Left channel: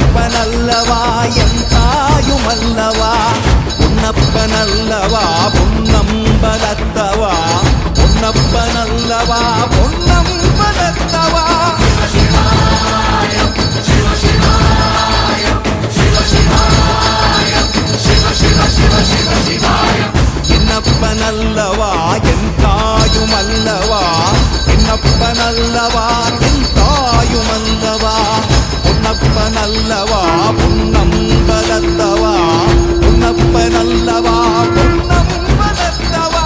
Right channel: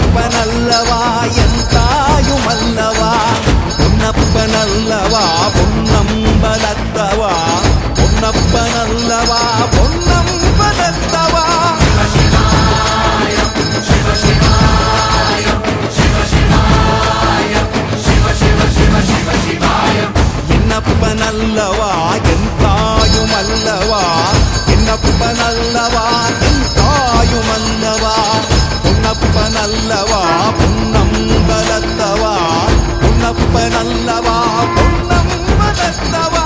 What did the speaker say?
பொன்னப்பனல்லவா என் தாயுமல்லவா பொன்னப்பனல்லவா பொன்னம்பலத்தவா பொன்னப்பனல்லவா பொன்னம்பலத்தவா என்னப்பனல்லவா என் தாயுமல்லவா என்னப்பனல்லவா என் தாயுமல்லவா பொன்னப்பனல்லவா பொன்னம்பலத்தவா பொன்னப்பனல்லவா பொன்னம்பலத்தவா